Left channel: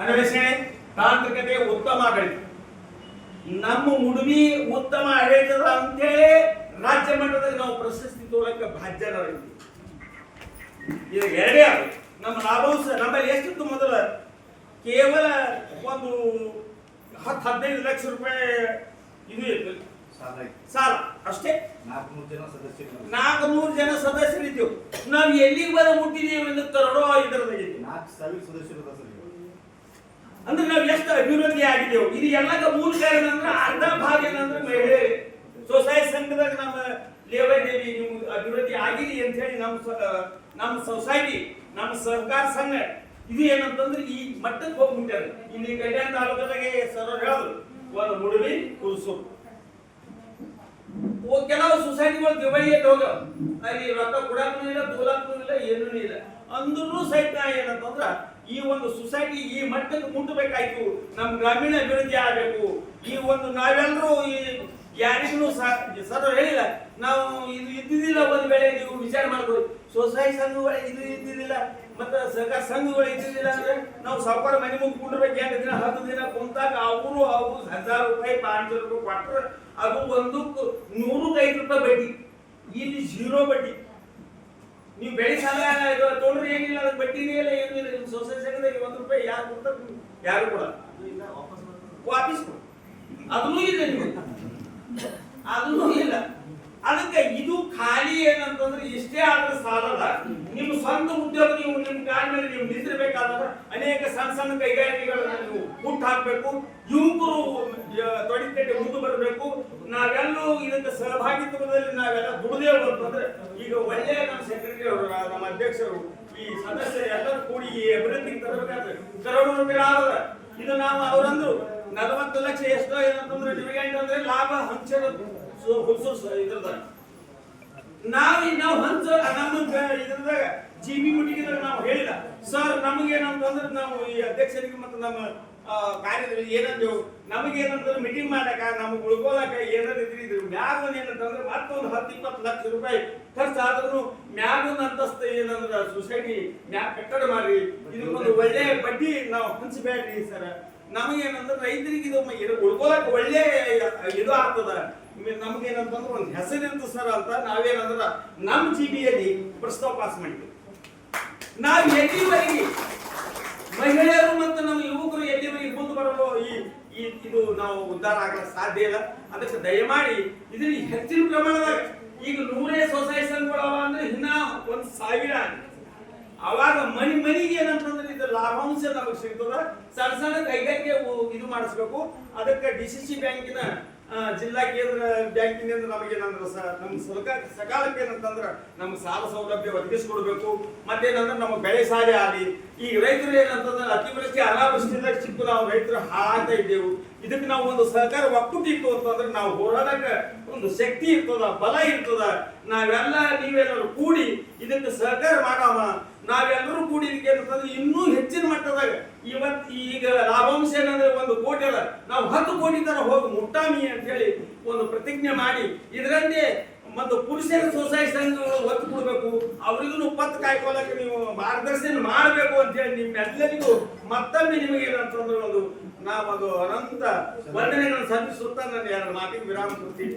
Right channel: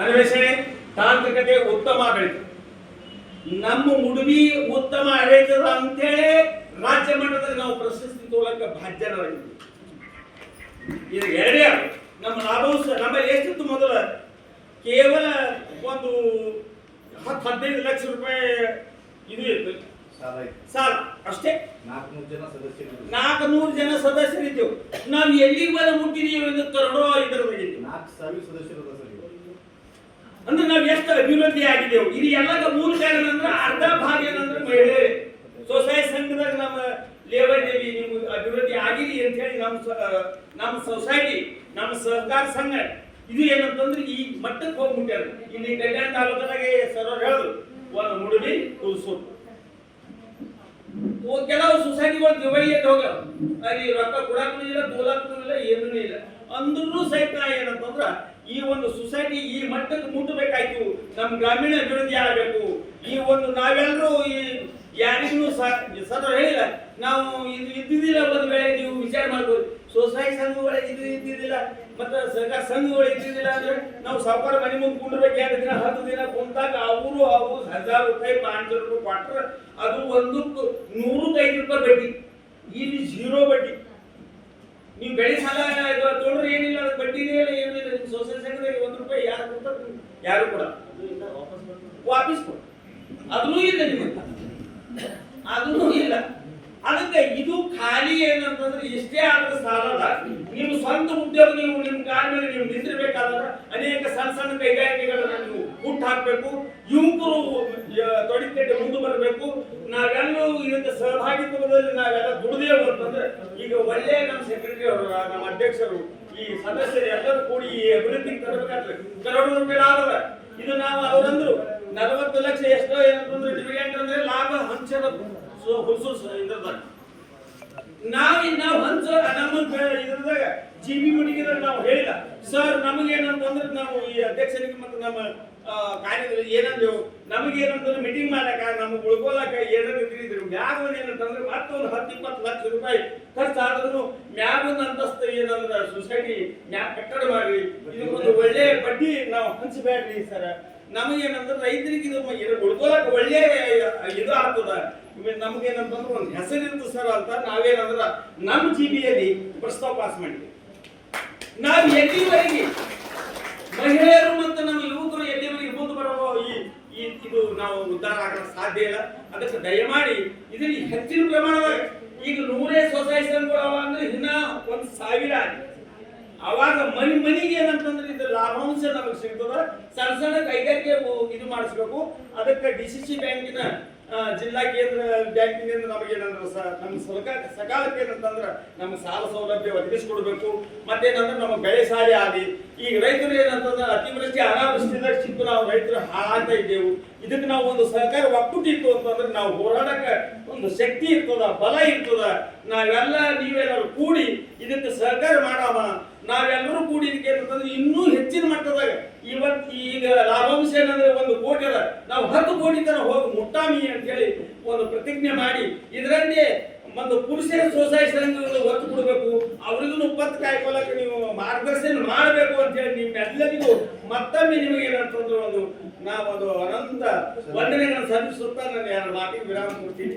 ಅನ್ವೇಷಣೆ ತಾಂತ್ರಿಕತೆ ಉತ್ತಮ ಆಡಳಿತ ನಮ್ಮ ಮುಡುಬಿ ಉತ್ತಮ ಆಡಳಿತದ ಅಂತೇಳಿ ರಾಜ್ಯ ಮಟ್ಟದಲ್ಲಿ ನಾವು ಪ್ರಶಸ್ತಿ ತೋಳಕ್ಕೆ ಬಾಧ್ಯರಾಗಿದ್ದೀವಿ ಇದು ಎರಡೇ ಅದು. ನಮ್ಮ ಸಹ ನಮ್ಮಲ್ಲಿ ಎಷ್ಟಿತ್ತು ಮೊದಲ? ಕೇವಲ ಒಂದು ಹತ್ತು ಹದಿನೈದು ಲಕ್ಷ ರೂಪಾಯಿ ಇದು ಇತ್ತು. ಸಾಲ ಅಷ್ಟೇ. ನಾಲ್ಕುನೂರು ಜನ ಸದಸ್ಯರು ನಾಲ್ಕುನೂರು ಜನ ಸದಸ್ಯರಿದ್ದೆವು. ನಾವು ಎಲ್ಲಿಗೆ ಬರ ಮುಟ್ಟಿದೀವಿ ಎಂದು ಕರಡೋ ಇದರ ಬಗ್ಗೆ. ನಾಲ್ಕು ಸಾವಿರ ಸದಸ್ಯರು. ಅಂದ್ರೆ ನಾವು ಎಷ್ಟು ಅಭಿವೃದ್ಧಿ ಆಗಿದೆವು ಇದು ಎಲ್ಲದ ಮೂಲ ಕಾರಣ ಅಂದ್ರೆ ಅರ್ಧ ಭಾಗ ಏನಂದ್ರೆ ಮಹಿಳೆ. ಸೊಸೈಟಿ ಸಂಘದಾಗ ನಮ್ಮ ಲೇವದೇವಿ ನೀವು ಅಭಿವೃದ್ಧಿ ಆಗಿರಿ ಅಂತ ಹೇಳಿ ನಮ್ಮ ನಮ್ಮ ಸೊಸೈಟಿ ನಮ್ಮ ಸಹಕಾರ ಸಂಘ. ಇದು ಏನಂತಂದ್ರೆ ಈ ಮಟ್ಟಕ್ಕೆ ಹೋಗ್ಬಿಟ್ಟಾರೆ. ಇಲ್ಲಿ ಕಲ್ಯಾಣ ತಾಲೂಕದಾಗೆ ಸರ್ ಹೇಳಿದ್ರು ಒಂದು ಮುಡುಬಿ ಕುಲ್ಸು ಕೆಲವು ಸೊಸೈಟಿಗಳು ದುಬೈಯಲ್ಲಿ ಹೋಗ ಅಲ್ಲಿ ರೊಕ್ಕ ಕೊಡಕ್ಕೂ ಇಲ್ಲ ತೋಲಕ್ಕೂ ಇಲ್ಲ, ಏನೂ ಇಲ್ಲ. ಅಂದ್ರೂ ಸಹಿತ ಏನಂತಂದ್ರ ಈ ಒಂದು ಸೊಸೈಟಿ ಈ ಮಟ್ಟಕ್ಕೆ ಮುಟ್ಟಬೇಕಾಯ್ತು. ನಮ್ಮ ಗ್ರಾಮೀಣ ಅಭಿವೃದ್ಧಿ ಆಗಬೇಕು. ಈ ಒಂದು ನಾವೆಲ್ಲರೂ ಈ ಯಾರಿಗೂ ಸರ್ ಹೇಳಿಲ್ಲ, ನಾವು ಇದು ಇದ್ದಿದ್ದಿಲ್ಲ ಒಂದು ವೇಳೆ ನೀವು ವಿಚಾರ ಮಾಡ್ಬೋದು. ಸೊಸೈಟಿ ಸಂಘಗಳು ಇದು ಇದ್ದಿದ್ದಿಲ್ಲ, ಮತ್ತೆ ಸರ್ಕಾರ ಸಂಘಗಳು ಇದ್ದಿದ್ದಿಲ್ಲ ಅಂದ್ರೆ ನಾವು ಸಾವುಕಾರ ಮನೆ ಮುಂದೆ ಕುಂಡ್ಬೇಕು ಎರಡು ದಿನ, ಹತ್ತು ದಿನ ಕುಂತಾಗ ಅವರು ಅವರು ಹಜಾರ್ ರೂಪಾಯಿ, ಪಾಂಚ್ ರೂಪಾಯಿ ಕೊಟ್ರೆ ಅದು ಒಂದು ನೂರಕ್ಕೆ ಐದು ರೂಪಾಯಿ ಬಡ್ಡಿ. ಇಲ್ಲಿ ಜೀರೋ ಬಡ್ಡಿ. ನೀವು ಬೆಳೆ ಸಾಲ ಇದು ತೊಗೊಂಡ್ರೆ ಏನಿಲ್ಲ ಅದಕ್ಕೆ ಬಡ್ಡಿನೇ ಇಲ್ಲ ಏನೂ ಇಲ್ಲ ಸೊಸೈಟಿ ಸಂಘದಾಗ ಒಂದು ರೂಪಾಯಿ ಯಾರು ಕೊಡ್ತಾರೆ ಯಾರು ಕೂಡ? ವಾಪಸ್ ಕೊಡಿ. ಅದೂ ಇಲ್ಲ ನಿಮಗೆ. ಅದೂ ಇಲ್ಲ. ಅದಕ್ಕೆ ಇದು ಖಾಲಿ ಏನಂತಂದ್ರೆ ಇಷ್ಟೇ ಆದ್ರೆ ಸಾಲದ ನಿಮ್ಮ ಸ್ವಂತ ಉದ್ಯೋಗ ನೀವು ನಿಮ್ಮ ಕಾಲ ಮೇಲೆ ನೀವು ನಿಂತಿರ್ಬೇಕಾದ್ರೆ ಅನೇಕ ಸಣ್ಣ ಸಣ್ಣ ಕೈಗಾರಿಕೆಗಳನ್ನ ನೀವು ಹುಟ್ಟು ಹಾಕಬೇಕು. ಯುವಕರು ತೊಡಿಕಟ್ಟೆ ಮುಂದೆ ಬರಬೇಕು ನಾವೆಲ್ಲೂ ಇದಕ್ಕೆ ಸಹಭಾಗಿತ್ವದಲ್ಲಿ ನಾವೆಲ್ಲ ದುಡಿದೇವು ಅಂತಂದ್ರೆ ಈಗ ಒಳ್ಳೆ ನಮ್ಮ ಸೆಕ್ರೆಟರಿ ಅವರು ನಮ್ಮ ಅಧ್ಯಕ್ಷರು, ಈ ಸದಸ್ಯರು ಕೂಡಿ ಈ ಅಭಿವೃದ್ಧಿಗೆ ತರಬೇಕಾದ್ರೆ ಕರೋಡು. ಇದು ನಾವು ಅವರಂದ್ರು ನಲವತ್ತು ಲಕ್ಷ ಎಷ್ಟೋ ಏನಂತಂದ್ರೆ ಡಿವಿಡೆಂಟ್ ಅಂದ್ರೆ ಲಾಭ ಹಂಚದ ಹುಸು ಇದ್ರದಾಗ ನಾವು ನಾವು ಹಂಚ ನಮ್ಮ ಇದ್ರದಾಗ ಜಿ ಬಿ ಮೀಟಿಂಗ್ ನಾವು ಹೇಳಿಲ್ಲ. ಸರ್ ನಮಗೇನಂತಂದ್ರೆ ನಾವು ಈ ಅಧ್ಯಕ್ಷರಿಗೆ ಮತ್ತು ನಮ್ಮ ಕಾರ್ಯದಲ್ಲಿ ಏನಂದೇವು ನಮಗೇನಂತಂದ್ರೆ ಮೀಟಿಂಗ್ ಮಾಡಕ ನಮಗೆ ಉಳ್ಕೊಳಕ ಏನಾದ್ರು ಇದ್ರಿದ್ರು ಮ್ಯಾಗ ಏನಂತಂದ್ರೆ ಮತ್ತೊಂದು ಹತ್ತು ಇಪ್ಪತ್ತು ಲಕ್ಷ ರೂಪಾಯಿ ಖರ್ಚು ಆದ್ರೂ ಮ್ಯಾಗ ಒಂದು ಅಂತಸ್ತು ಏನಂದ್ರೆ ಸೊಸೈಟಿ ಮ್ಯಾಗ ಕಟ್ಟಡ ಮಾಡ್ರಿ. ಇದಕ್ಕೊಂದು ಒಳ್ಳೆ ಬಡ್ಡಿ ನಾವು ಹಂಚಬೇಡ್ರಿ ಸರ್. ನಮಗೇನಂದ್ರೆ ರೈತರಿಗೆ ಇದು ಏನು ಇದು ಉಳ್ಕೊಳಕ್ ಒಳ್ಳೆ ಇದು ಆಗ್ತದ. ನಮಗೇನಂತಂದ್ರೆ ಒಂದು ಹೆಸರಿತ್ತು ಸರ್ ಅಂತ ನಾವೇನಂದ್ರ ನಮ್ಮ ಜಿಬಿಯಲ್ಲಿ ಪ್ರಸ್ತಾವ ಪಾಸ್ ಮಾಡಿದ್ವಿ. ನಾವು ಎಲ್ಲಿವರೆಗೆ ಮಹಿಳೆಯರು ಮತ್ತು ನಮ್ಮ ಯುವಕರು ಎಲ್ಲಿವರೆಗೆ ಮುಂದೆ ಬರೋ ಈ ಈ ಇದು ನಾವು ಉದ್ಧಾರ ಆಗಲು ಸಾಧ್ಯ ಇಲ್ಲ. ಅದಕ್ಕೆ ದಯಮಾಡಿ ಇದರಲ್ಲಿ ಹೆಚ್ಚಿನ ಪ್ರಮಾಣದಾಗ ಈಗ ನೂರೇ ಸೊಸೈಟಿ ಕೊಡವ ಅಂದ್ರೆ ಇನ್ನ ಒಂದು ಸಾವಿರ. ಅವಾಗ ಮನಿ ಮನಿಗೆ ಏನಂತಂದ್ರೆ ಇದು ಲಾಭಾಂಶ ನಮಗೆ ಸಿಗ್ತದ. ಸಣ್ಣ ಸಣ್ಣ ಕೈಗಾರಿಕೆ ಇದು ಮಾಡಿಸ್ಬೇಕು. ಅದಕ್ಕೆ ಡಿ ಸಿ ಸಿ ಬ್ಯಾಂಕಿನ ಜಿಲ್ಲಾ ಕೇಂದ್ರ ಬ್ಯಾಂಕಿನಿಂದ ನಮಗೆ ಏನಂದ್ರೆ ನಮ್ಮ ಸರ್ಕಾರ ಸಕಾಲಕ್ಕೆ ಏನಂತಂದ್ರೆ ನಮ್ಮ ಸಾಲ ಸೌಲಭ್ಯ ಒದಗಿಸಿಕೊಡ್ಬೇಕು. ಮತ್ತೇನಂದ್ರೆ ನಮ್ಮ ಬೆಳೆ ಸಾರಿ ಆಗಿ. ಈಗ ರೈತರು ಏನಂತಂದ್ರೆ ಅತಿವೃಷ್ಟಿ ಅನಾವೃಷ್ಟಿದಾಗ ಸಿಕ್ಕು ನಾವು ರೈತರು ಹಾಳಾಗ್ತಾ ಇದ್ದೇವು. ಇದಕ್ಕೆ ನಾವು ಒಂದು ಸರ್ಕಾರ ಒಕ್ಕೂಟ ಇತ್ತು ಅಂತಂದ್ರೆ ನಾವು ಹೋರಾಡಕ್ಕೆ ಒಂದು ಶಕ್ತಿ ಇರ್ತದ, ಬಲ ಇರ್ತದ. ನಾವೆಲ್ಲ, ನೀವೆಲ್ಲರೂ ಕೂಡಿ ಇದಕ್ಕೆ ಸಹಕಾರ ಮಾಡಾಮ ನಾವೆಲ್ಲರೂ ಕೂಡಿ ಇದಕ್ಕೆ ಇನ್ನೂ ಹೆಚ್ಚಿನ ಮಟ್ಟದಾಗ ಇವತ್ತು ಈಗ ಲಾಭಾಂಶ ಏನಂದ್ರೆ ಒಂದು ಕೋಟಿ ಅದ. ನಾವು ಹತ್ತು ಕೋಟಿ ತನಕ ಹೋಗಿ ಮುಟ್ಟಾಮಿ ಅಂತ ಹೇಳಿ ಒಂದು ಪ್ರತಿಜ್ಞೆ ಮಾಡಿ, ಇದರಲ್ಲಿ ಒಂದು ಪುರುಷರ ಸೊಸೈಟಿ ಸಂಘಗಳು ಒತ್ತು ಕೊಡಬೇಕು. ಅವ್ರಿಗೂ ಪತ್ ಕಾಯ್ಕೊಳ್ಳಕ್ಕೆ ನೀವು ಮಾರ್ಗದರ್ಶನ ಮಾಡಬೇಕು ಅಂತ ಹೇಳಿ ನಿಮ್ಮೆಲ್ಲರಿಗೂ ಮತ್ತೊಮ್ಮೆ ನಿಮಗೆ ಏನಂತಂದ್ರೆ ಒಂದು ನಾವೊಂದು ಅನಂತ ವಂದನೆಗಳನ್ನು ಸಲ್ಲಿಸುತ್ತಾ ನಾನು ಎರಡು ಮಾತಿಗೆ ವಿರಾಮ ಕೊಡ್ತೀನಿ.